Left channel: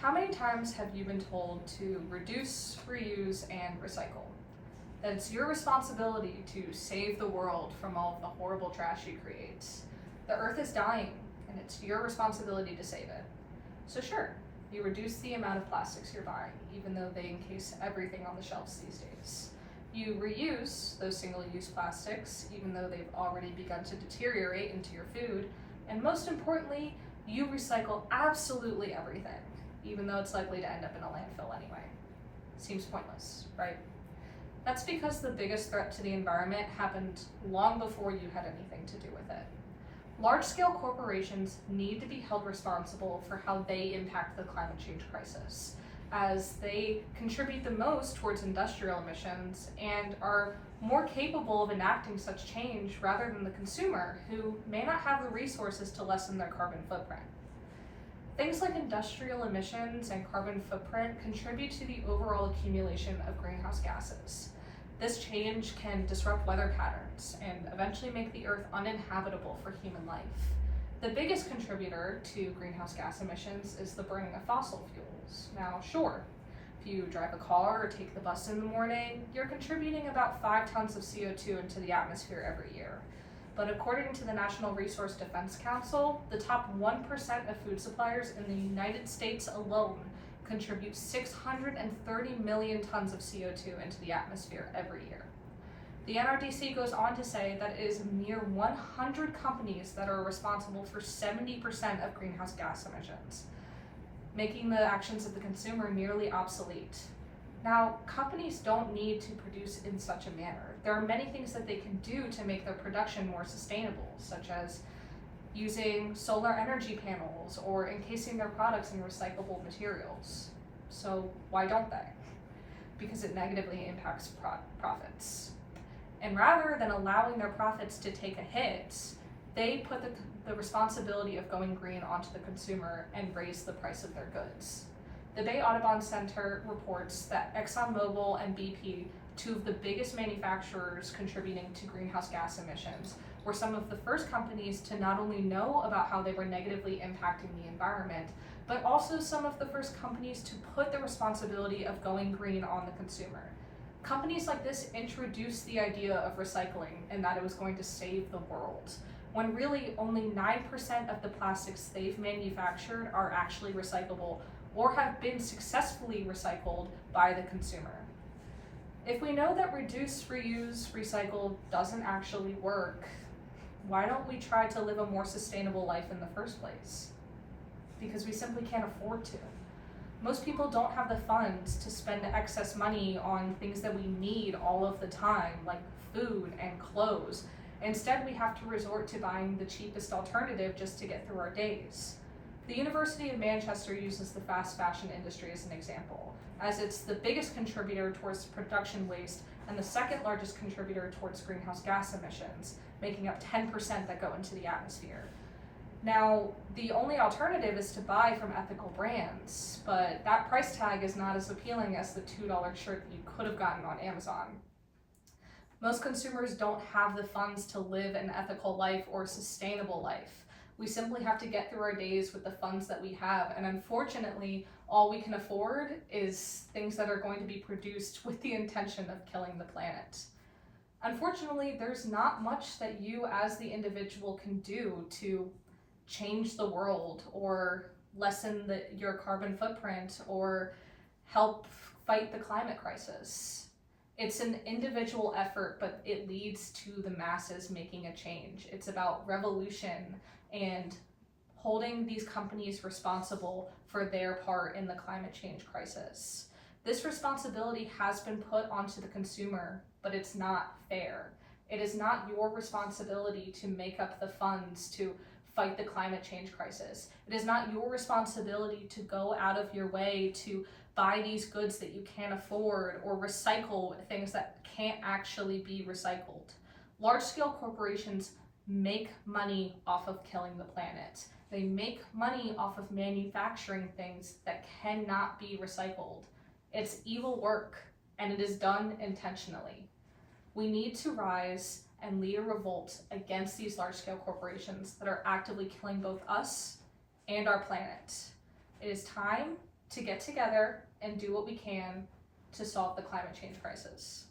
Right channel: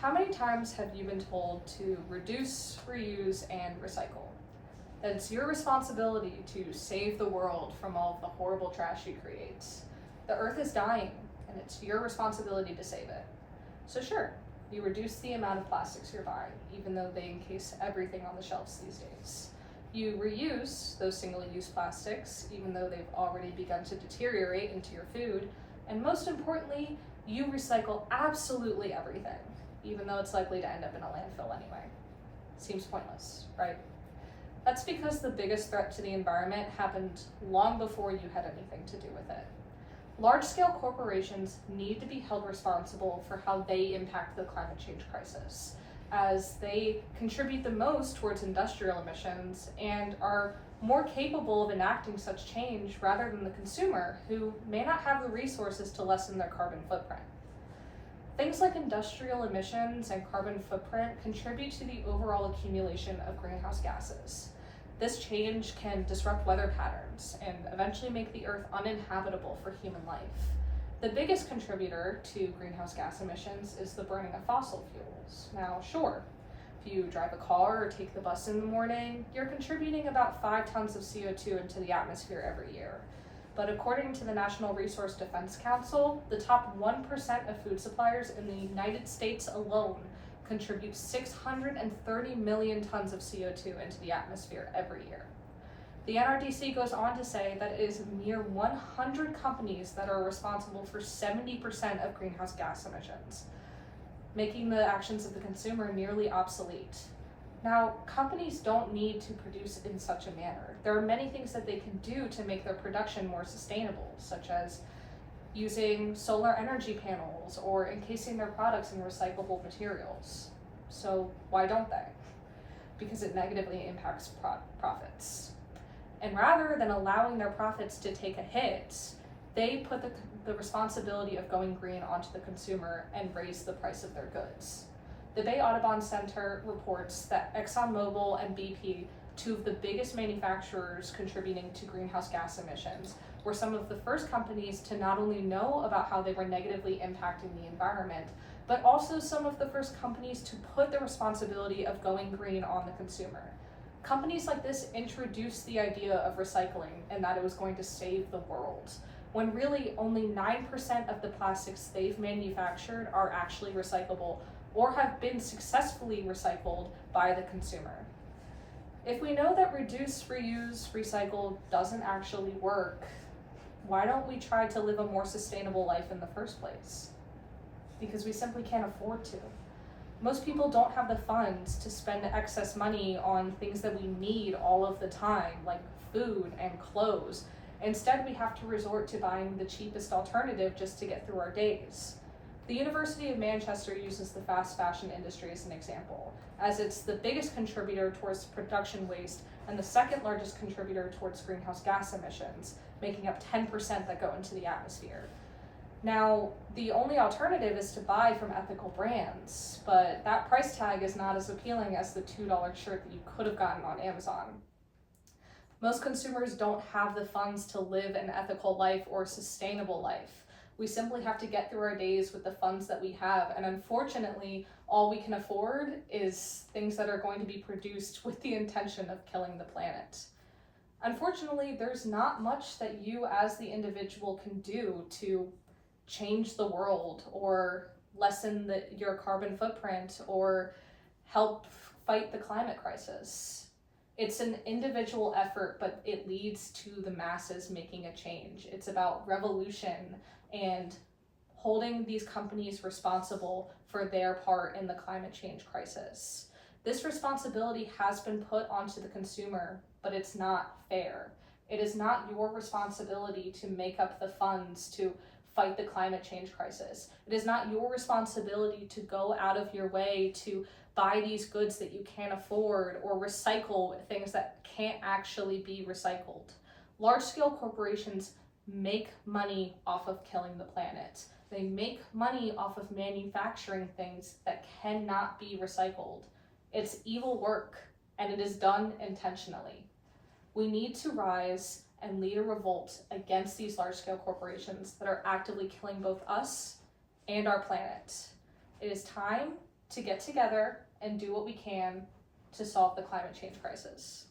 How many times have you been told to reduce, reuse, and recycle? That it's your responsibility to save the world from all of the horrible trash you create. The earth is dying, and it's your responsibility to save it. So sure, you reduce the amount of plastics you're buying, even though they encase everything on the shelves these days. You reuse those single-use plastics, even though they've already begun to deteriorate into your food. And most importantly, you recycle absolutely everything, even though it's likely to end up in a landfill anyway. Seems pointless, right? That's because the biggest threat to the environment happened long before you had anything to do with it. Large-scale corporations need to be held responsible for how they impact the climate change crisis, as they contribute the most towards industrial emissions and are more capable of enacting such change rather than the consumer, who may not have the resources to lessen their carbon footprint. Things like industrial emissions and carbon footprint contribute to the overall accumulation of greenhouse gases. This change can disrupt weather patterns and eventually make the Earth uninhabitable for human life. The biggest contributor to greenhouse gas emissions is the burning of fossil fuels. Now, sure, if you drive a car or take the bus in the morning, you're contributing about 5 tons of CO2 into the atmosphere every year. But according to the National Resource Defense Council, the top 1% of food suppliers in the United States alone contribute 630 million tons of CO2 into the atmosphere every year. The NRDC goes on to say that it is mere 100 companies that are responsible for 70% of greenhouse gas emissions, making the actions of the consumer nearly obsolete. Now, companies don't need to produce in such a manner. There are many things that they can do to make their production more sustainable, such as using solar energy panels or encasing their products in recyclable materials. So why don't they? Because it negatively impacts profits. And rather than allowing their profits to take a hit, they put the responsibility of going green onto the consumer and raise the price of their goods. The Bay Audubon Center reports that ExxonMobil and BP, two of the biggest manufacturers contributing to greenhouse gas emissions, were some of the first companies to not only know about how they were negatively impacting the environment, but also some of the first companies to put the responsibility of going green on the consumer. Companies like this introduced the idea of recycling and that it was going to save the world, when really only 9% of the plastics they've manufactured are actually recyclable or have been successfully recycled by the consumer. If we know that reduce, reuse, recycle doesn't actually work, why don't we try to live a more sustainable life in the first place? Because we simply can't afford to. Most people don't have the funds to spend excess money on things that we need all of the time, like food and clothes. Instead, we have to resort to buying the cheapest alternative just to get through our days. The University of Manchester uses the fast fashion industry as an example, as it's the biggest contributor towards production waste and the second largest contributor towards greenhouse gas emissions, making up 10% that go into the atmosphere. Now, the only alternative is to buy from ethical brands, but that price tag is not as appealing as the $2 shirt that you could have gotten on Amazon. Most consumers don't have the funds to live an ethical life or a sustainable life. We simply have to get through our days with the funds that we have, and unfortunately, all we can afford is things that are going to be produced with the intention of killing the planet. Unfortunately, there's not much that you as the individual can do to change the world or lessen your carbon footprint or help fight the climate crisis. It's an individual effort, but it leads to the masses making a change. It's about revolution and holding these companies responsible for their part in the climate change crisis. This responsibility has been put onto the consumer, but it's not fair. It is not your responsibility to make up the funds to fight the climate change crisis. It is not your responsibility to go out of your way to buy these goods that you can't afford or recycle things that can't actually be recycled. Large-scale corporations make money off of killing the planet. They make money off of manufacturing things that cannot be recycled. It's evil work, and it is done intentionally. We need to rise and lead a revolt against these large-scale corporations that are actively killing both us and our planet. It is time to get together and do what we can to solve the climate change crisis.